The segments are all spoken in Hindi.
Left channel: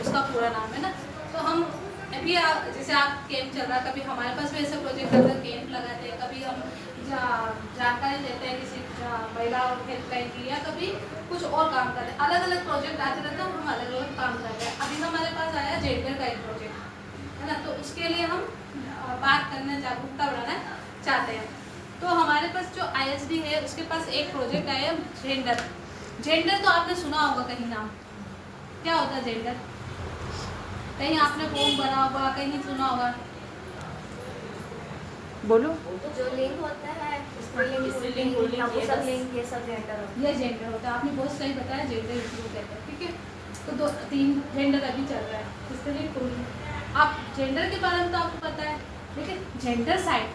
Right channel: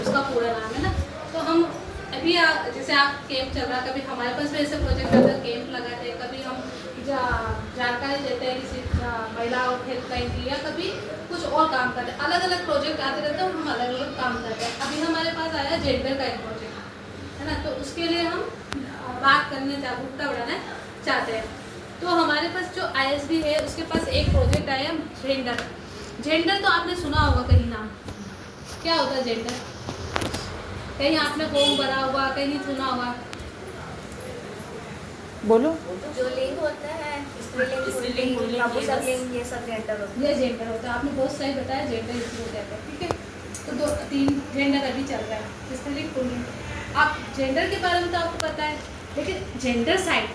उसका पूरा नाम है ना। तो हम अभी जैसे आप कैंप चल रहा, कभी हमारे पास भी ऐसे प्रोजेक्ट आता है, कैंप लगाते हैं, कभी हम जानकारी लेते हैं किसी महिला हेल्पलाइन की, या कभी कुछ और काम करते हैं। अलग अलग प्रोजेक्ट आते रहते हैं और हम अलग अलग काम करते हैं। अभी हमारे पास आया जेंडर का एक प्रोजेक्ट है ना, तो उसके लिए हम बात करने, जागरूकता बढ़ाना चाहते हैं। तो हमारे पास जो ISD है उसके पास एक प्रोजेक्ट आया जेंडर। जेंडर तो आपने सुना होगा कहीं नाम, क्या होता है जेंडर? कहीं आपने फॉर्म भरा होगा, कहीं नहीं सुना होगा। बोलो। जो लिंग होता है, स्त्रीलिंग, पुल्लिंग, ये सब लिंग, ये सब जेंडर होता है। ये जेंडर होता है, आपने बहुत सही बताया, जेंडर इसको कहते हैं। ठीक है, तो 2-3 जेंडर अभी चल रहा है, स्त्रीलिंग पुल्लिंग। आप जेंडर के बारे में तो आपको पता है, लेकिन जेंडर साइड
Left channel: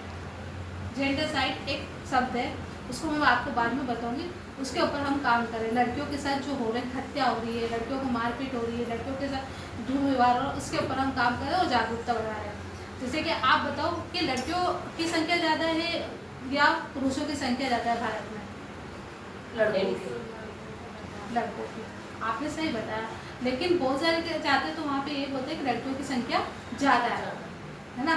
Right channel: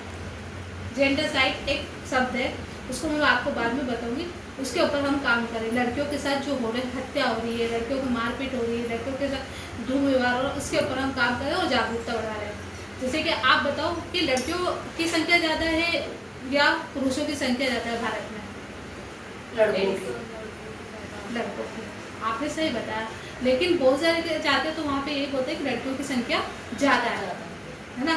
एक शब्द है, उसको मैं आपको बाद में बताऊंगी। उसके ऊपर हम काम करें। लड़कियों के साथ जो हो रहे हत्या हो रही है, लड़कियों को मारपीट हो रही है, लड़कियों के साथ दुर्व्यवहार हो रहा है, उसके ऊपर हम काम करें और जागरूकता बढ़ा रहे हैं। जैसे कि आप बताओ कि लड़कियों की संख्या ज़्यादा है या पुरुषों की संख्या ज़्यादा है भारत में? लड़कों की। आपने सही बताया, लेकिन बहुत सारे चाहते हैं तो वहाँ पे ये बोलते हैं कि लड़कियों की संख्या ज़्यादा है ना।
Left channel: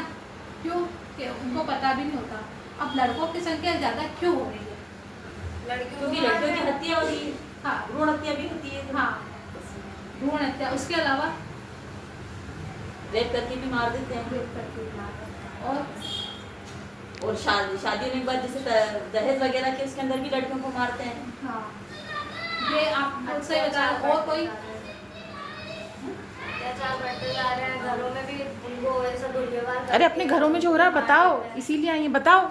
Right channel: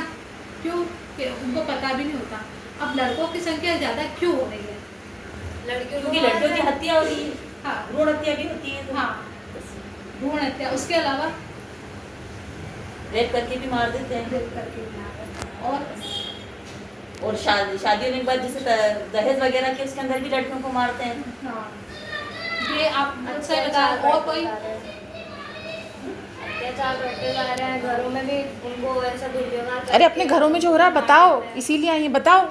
क्यों? कि उनको पता भी नहीं होता। अब लड़कों की संख्या ज़्यादा क्यों हो रही है? क्योंकि लड़कियों की हत्या हो रही है। हाँ, भ्रूण हत्या भी होती है। हाँ, भ्रूण हत्या। उसके अलावा रेप करके भी मार देते हैं। रेप करके मार देते हैं। और शादी होने के बाद जैसे दहेज वगैरह के उसके अंदर भी लड़कियों को मारते हैं। हाँ, ये आप बहुत सही बता रहे हो। और कोई अत्याचार बढ़ते जा रहे हैं, घरों में भी उनको ऐसा दुर्व्यवहार। अरे अपने घरों में जो हो रहा है बताओ, इसीलिए आई है, बताओ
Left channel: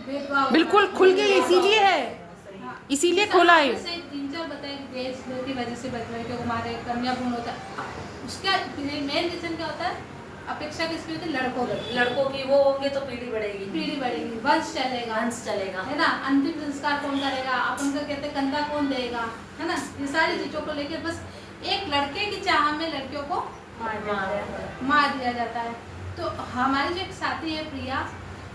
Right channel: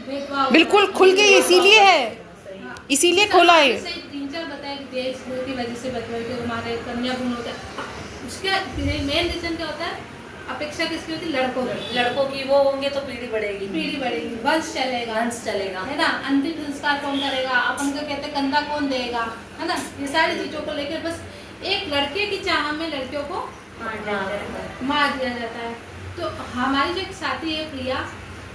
भेदभाव बिल्कुल खुल के। ये इसीलिए है, हाँ। इसीलिए खोला है। 3-4 बताए देश की वजह से बच्चों के मारे, कन्या भ्रूण होता है। उसका मेन रीजन क्या होता है? अपेक्षा किसकी होती है? लड़कों की। वो होंगे तो पीढ़ी बढ़ेगी, वंश चलेगा, है ना। अंतिम संस्कार कौन करेगा? अपन का कहते हैं कंधा कौन देगा, है ना। ये सारी चीजों को लेकर बस एक लड़के की चाह में लड़कियों को मार दिया जाता है। तो हमारी जो एक साथी है प्रिया,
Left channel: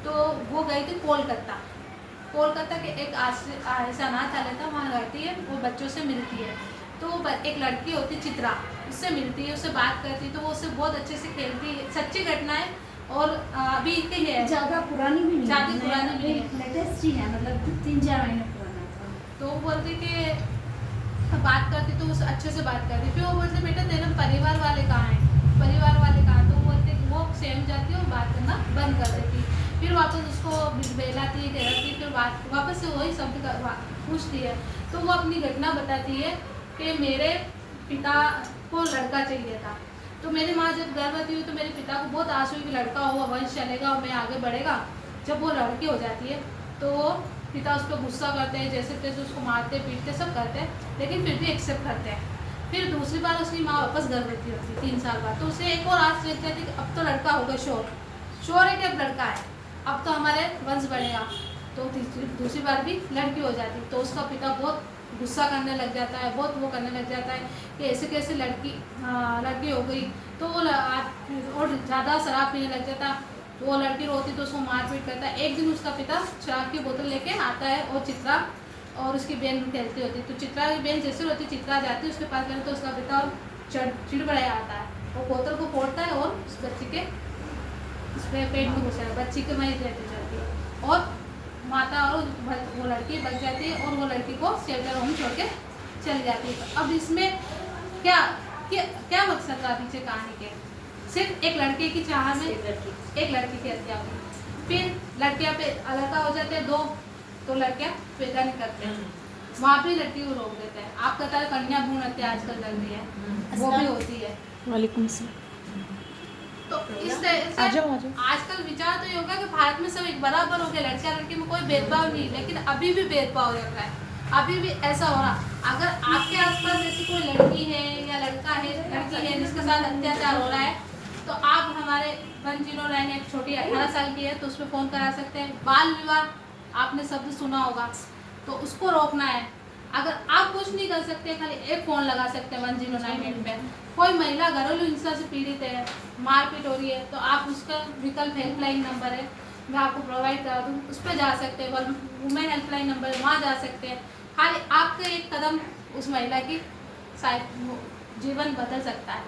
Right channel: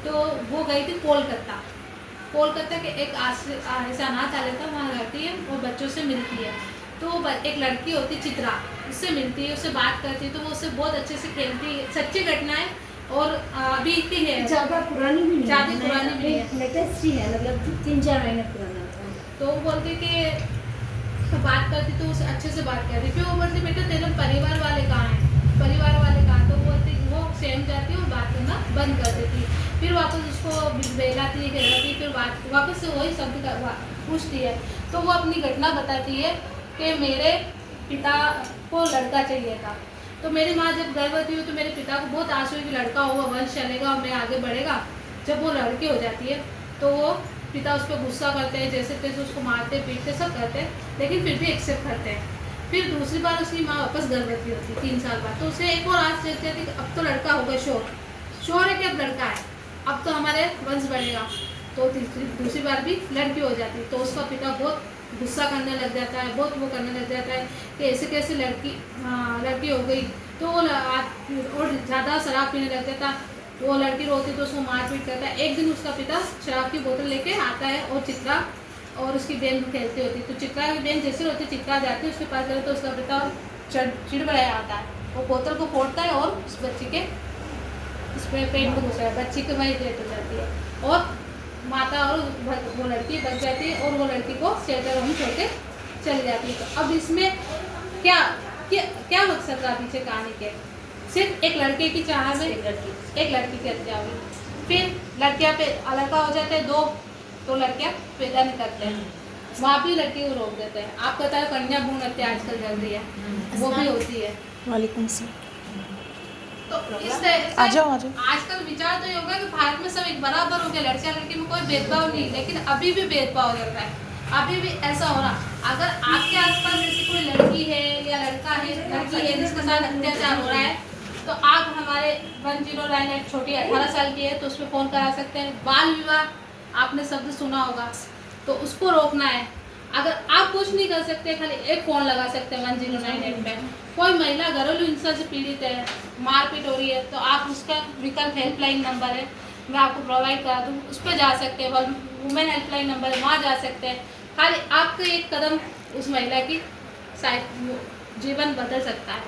तो वो गई थी कोलकाता के एक ऐसा अनाथालय था, वहाँ रहती है, वो बच्चों से मिलती है। तो एक लड़की होती चित्रा, उससे मिलती है, उससे बात करती है, तो वो उससे बहुत अच्छे से खेलती है। सच्ची घटना है और अभी की है, ज़्यादा पुरानी भी नहीं है, लेटेस्ट ही है, मतलब 3-4 महीने पुराना था। तो वो बोलती कि बात करती तो उससे अच्छे से बात करती। फिर वो बोलती बेटा तेरे परिवार वाले कहाँ हैं? तो वो बोलती वो सेम जाती है और बात करना बंद कर देती। फिर वापस उसको बेलाती है, फिर वापस से वही शब्द पूछती है। तो वो अपनी घटना बताती है कि मेरे पिता को लड़का चाहिए था, तो मेरी माँ जब गर्भवती हुई तो मेरे पिता को बहुत आस हुई कि लड़का होगा, वंश चलेगा और मैं आगे बढ़ेगा। जब वो लड़की हो जाती है तो वो पिता उस पर गुस्सा करते हैं, जैसे तैसे उसको मारते पीटते सब करते हैं, लेकिन फिर भी एक्सेप्ट करते हैं। फिर दूसरी बार उसकी माँ वापस गर्भवती होती है 3 साल बाद, तो उसे एक और आस चलती है कि अब तो लड़का होगा, श्योर है कि अब लड़का है, अब तो हमारे वंश बढ़ेगा। तो दूसरी बार भी लड़की हो जाती है, तो उसका पिता बहुत गुस्सा करने लग जाता है, बहुत वो करने लग जाता है कि ऐसे कैसे लड़की हो गई। तो वो और ज़्यादा शराब पीने लग जाता, वो लड़की रोती तो उसको मारपीट करता है। एक दिन उसका पिता शराब की बोतल लेके आता है और चित्रा और उसकी बहन खेलती होती, तो चित्रा की बहन जैसी होती, चित्रा जाती है उसके पास गए, तो उसका पिता चिड़बड़ाया आता है, वो बोतल को फोड़ता है और उस बच्ची के इस पर पेट में घुसा है, बच्ची के वहीं डेथ हो जाती है और माता और वो लड़की बच जाती है और वो लड़की को शेल्टर होम छोड़ के चली जाती है। तो अब इसमें क्या मकसद था पीछे कहानी के? सिर्फ एक लड़के की चाह में एक लड़की की हत्या हुई, फिर लड़कियां पे लड़का हो जाते हैं 2, तो लड़कियां पैदा नहीं करते हैं, वहाँ भी लड़की को रोक देते हैं। आप कहता है कन्या भ्रूण हत्या आजकल चल रही है, वो भी होती है। वालेकुम सलाम। तो इस तरह से आ जाओ। आजकल विचार तो ये होगा कि भारत में सब एक बराबर हो गया, लड़का लड़की में कोई भेदभाव नहीं, लेकिन अभी भी भेदभाव चल रहा है, अभी भी ऐसा हो रहा। अगर आपके आसपास जैसी कोई लड़की है या लड़की है जिसके साथ अत्याचार हो रहा है, तो आप हमारे 1091 एक छोटी 18 साल की है तो उस पर फ़ोन करा सकते हैं। बाल विवाह आपने शब्द सुना होगा, तो उसको रोकना है। अगर आप कुछ नहीं कर सकते, खाली एक फ़ोन लगा सकते हैं 1098 पे। कोई महिला घरेलू हिंसा से पीड़ित है, मारपीट हो रही है, तो आप उसका विकल्प हेल्पलाइन नंबर है, मैं आपको प्रोवाइड करा दूँ, उस पर जा सकते हैं। वुमेन हेल्पलाइन नंबर है, वहाँ जा सकते हैं। खाली आपका एक कदम उस महिला की शायद जीवन बदल सकता है।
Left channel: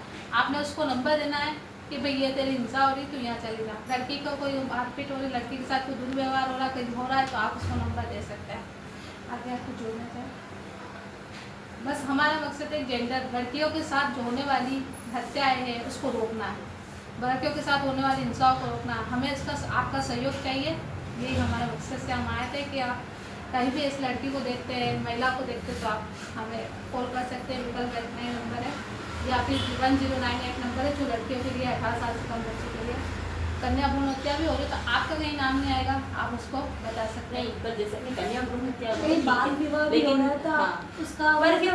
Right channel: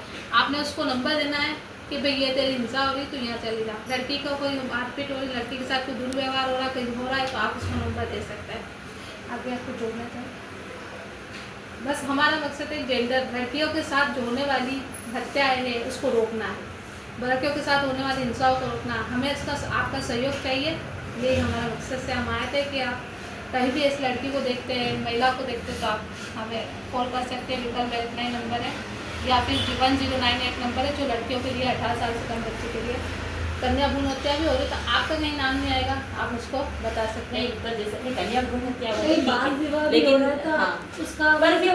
आपने उसको नंबर देना है कि भाई ये तेरी हिंसा हो रही, तू यहाँ चली जा। लड़की को कोई मारपीट हो रही, लड़की के साथ कोई दुर्व्यवहार हो रहा, कहीं हो रहा है, तो आप उसको नंबर दे सकते हैं। आगे आपको जोड़ना था, बस हमारा मकसद है जेंडर, लड़कियों के साथ जो होने वाली हत्याएं हैं उसको रोकना है, लड़कियों के साथ होने वाली हिंसाओं को रोकना है। हमें इसका आपका सहयोग चाहिए, यही हमारा मकसद से हम आए थे कि आप कहीं भी इस लड़की को देखते हैं, महिला को देखते हैं, तो आप हमें कॉल कर सकते हैं। विकल्प हेल्पलाइन नंबर है या फिर 1098 नंबर है जो लड़कियों के लिए 18 साल से कम बच्चे के लिए। कन्या भ्रूण हत्या भी हो रही तो आपका कहीं नाम नहीं आएगा, आप उसको बता सकते हैं। नहीं, पर जैसे कन्या भ्रूण हत्या कहीं बाल विवाह भी हो लेकिन रहा था, हाँ, उसका पर फिर